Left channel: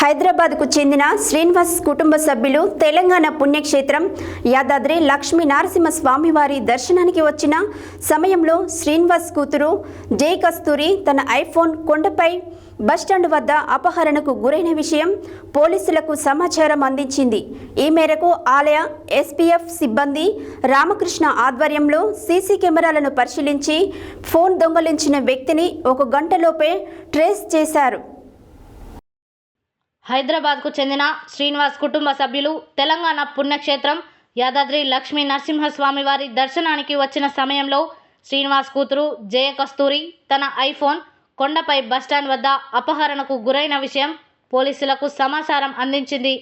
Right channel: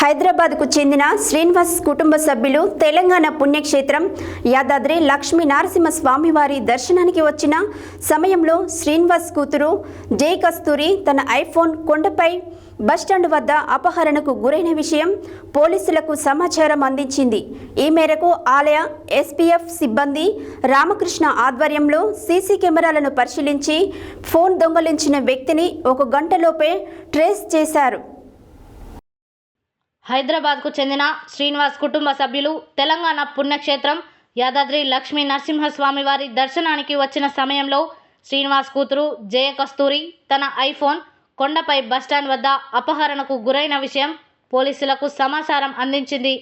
హైదరాబాద్కు చెందిన శ్రీనివాస్ కుటుంబ సభ్యులు తెలంగాణ పుణ్యక్షేత్రం యాదాద్రి లక్ష్మీ నరసింహ స్వామివారి దర్శనానికి వచ్చిన సమయంలో శ్రీనివాస్ కూతురు జై కస్తూరి తన ఐఫోన్ కొండపై బస్టాండ్ వద్ద అపహరణకు గురైన విషయం పోలీసులకు సమాచారం అందించింది. ఈ మేరకు ఆలయ ఎస్పీఎఫ్ సిబ్బంది రామకృష్ణ ఆధ్వర్యంలో సీసీ కెమెరాలను పరిశీలించి ఫోన్ దొంగలించిన వ్యక్తిని 1 గంటలోపే ట్రేస్ చేశారు. హైదరాబాద్కు చెందిన శ్రీనివాస్ కుటుంబ సభ్యులు తెలంగాణ పుణ్యక్షేత్రం యాదాద్రి లక్ష్మీ నరసింహస్వామి వారి దర్శనానికి వచ్చిన సమయంలో శ్రీనివాస్ కూతురు జయ కస్తూరి తన ఐఫోన్ కొండపై బస్టాండ్ వద్ద అపహరణకు గురైన విషయం పోలీసులకు సమాచారం అందించింది.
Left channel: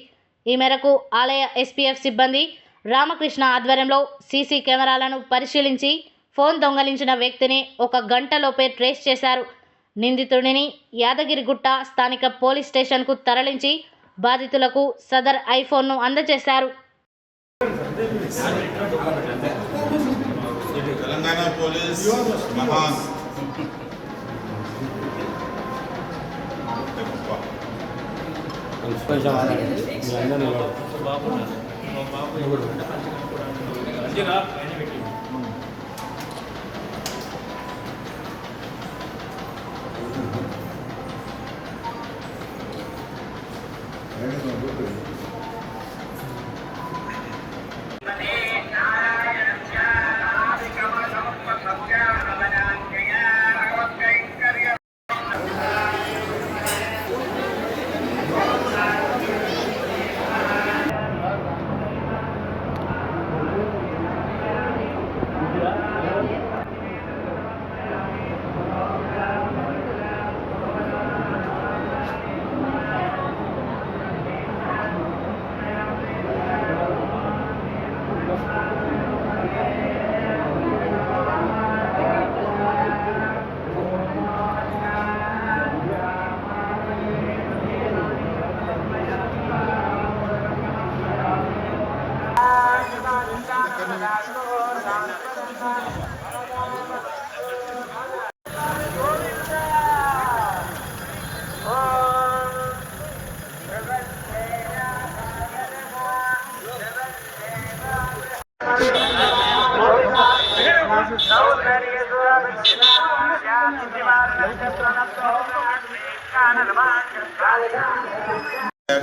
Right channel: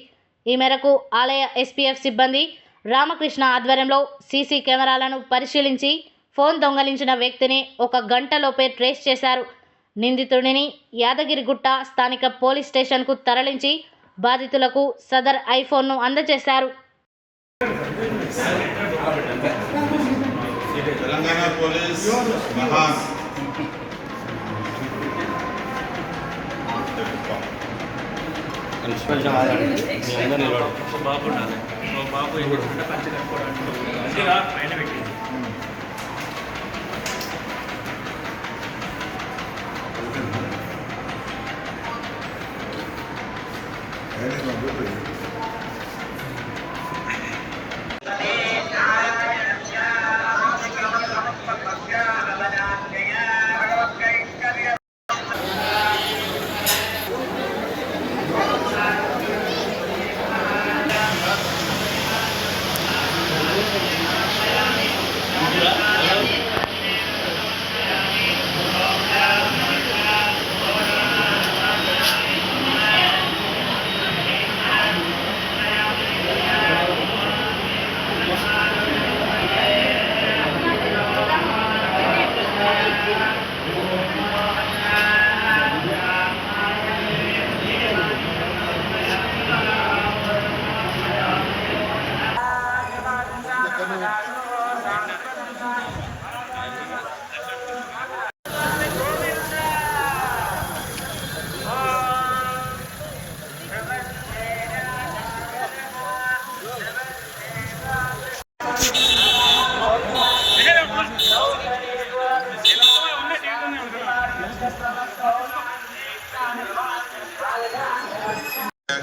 ఈ మేరకు ఆలయ ఎస్పీఎఫ్ సిబ్బంది రామకృష్ణ ఆధ్వర్యంలో సీసీ కెమెరాలను పరిశీలించి ఫోన్ దొంగలించిన వ్యక్తిని 1 గంటలోపే ట్రేస్ చేశారు. నిందితుడిని యాదగిరిగుట్ట స్థానిక పోలీస్ స్టేషన్కు తరలించి బాధితులకు సదర్ ఐఫోన్ను అందజేశారు. తెలంగాణ పోలీస్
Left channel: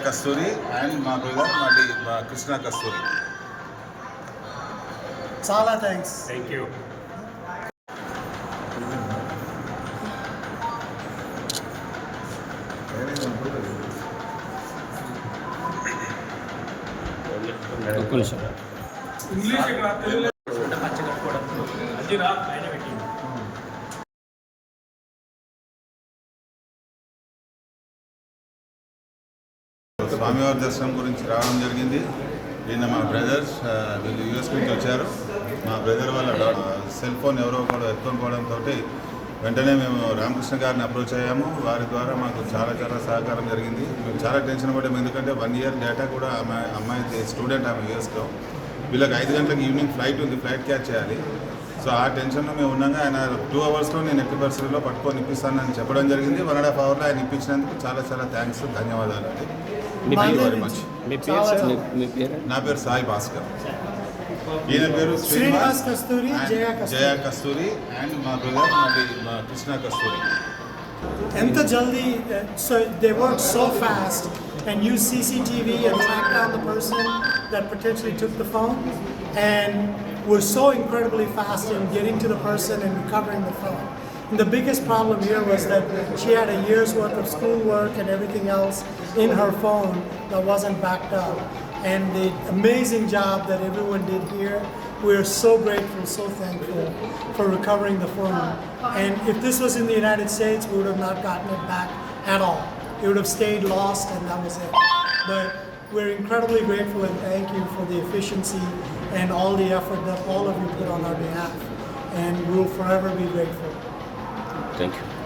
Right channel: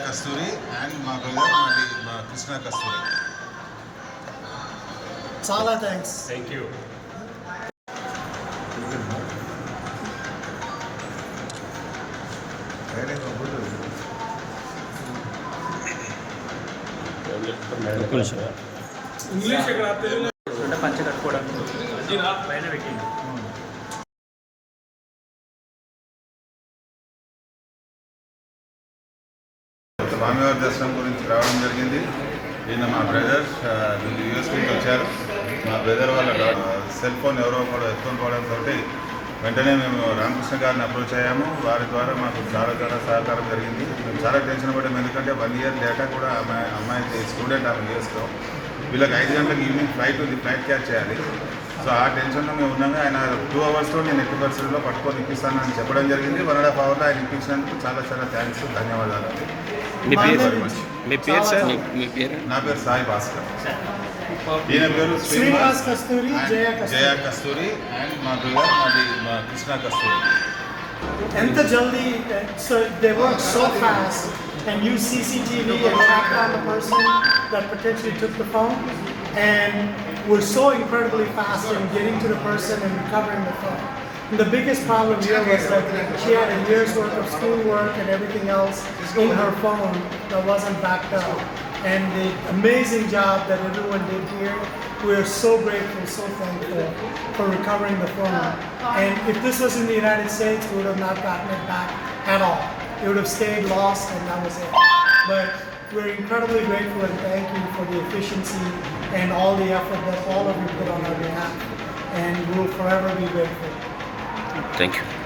కస్తూరి అండ్ మా బ్రదర్ మా కృష్ణ కస్తూరి. చాలా థ్యాంక్స్. Thank you. ఒక్క నిమిషం. ఇంగ్లీష్ ఇక్కడ తెలుగు అదిరా పైన పెట్టింది. స్వామివారి దర్శనం గురించి రావడం జరిగింది. నిన్న మా బ్రదర్ యూఎస్ నుంచి వచ్చారు. మా బ్రదర్ వాళ్ళ సెల్ ఫోన్ ఎవరో ఒకరు ఎత్తుకొని పోవడంతో వెంటనే మేము రామకృష్ణ గారిని అప్రోచ్ అయ్యాము. వారి ద్వారా మాకు చాలా సహకారం జరిగింది. మేము చాలా టెన్షన్ పడ్డాము, ఎందుకంటే 1 ఇయర్ డేటా కూడా అమ్మాయి స్టూడెంట్ ఆమె యూఎస్లో. వీళ్ళకి 5 గంటలకు ఈవినింగ్ ఫ్లైట్ ఉంది, ఫ్లైట్ క్యాచ్ చేయాలి. సో ఆ టెన్షన్లో మేము ఉన్నాగా ఆయన 2 అవర్స్లో నేను ఎట్టి పరిస్థితుల్లో పట్టుకొని ఇప్పిస్తానని చెప్పడం జరిగింది. 1.5 అవర్లో ఆయన ఇప్పించినందుకు చాలా థ్యాంక్స్, ధన్యవాదాలు. నా పేరు సాయి భాస్కర్. ఈయన పేరు శ్రీనివాస్ కస్తూరి, జయ కస్తూరి అండ్ మా బ్రదర్ మా కృష్ణ కస్తూరి. ఎంత జల్దీ, so they work so fast and use CCTV and track down the person that potentially took the phone, and we're so incredibly fast in getting to the person and recovering the phone. And the biggest problem here was that she had a year's worth of schoolwork and everything else in her phone that wasn't backed up. And the amazing job that everyone did here, we are so grateful, so thankful for recovering the phone. And if this was in the United States, we would have not gotten it back at all. It would have stayed lost and that was it. But we're incredibly grateful and thank you for the efficiency and all the effort that all of you put on our behalf. And we will forever be grateful. Thank you.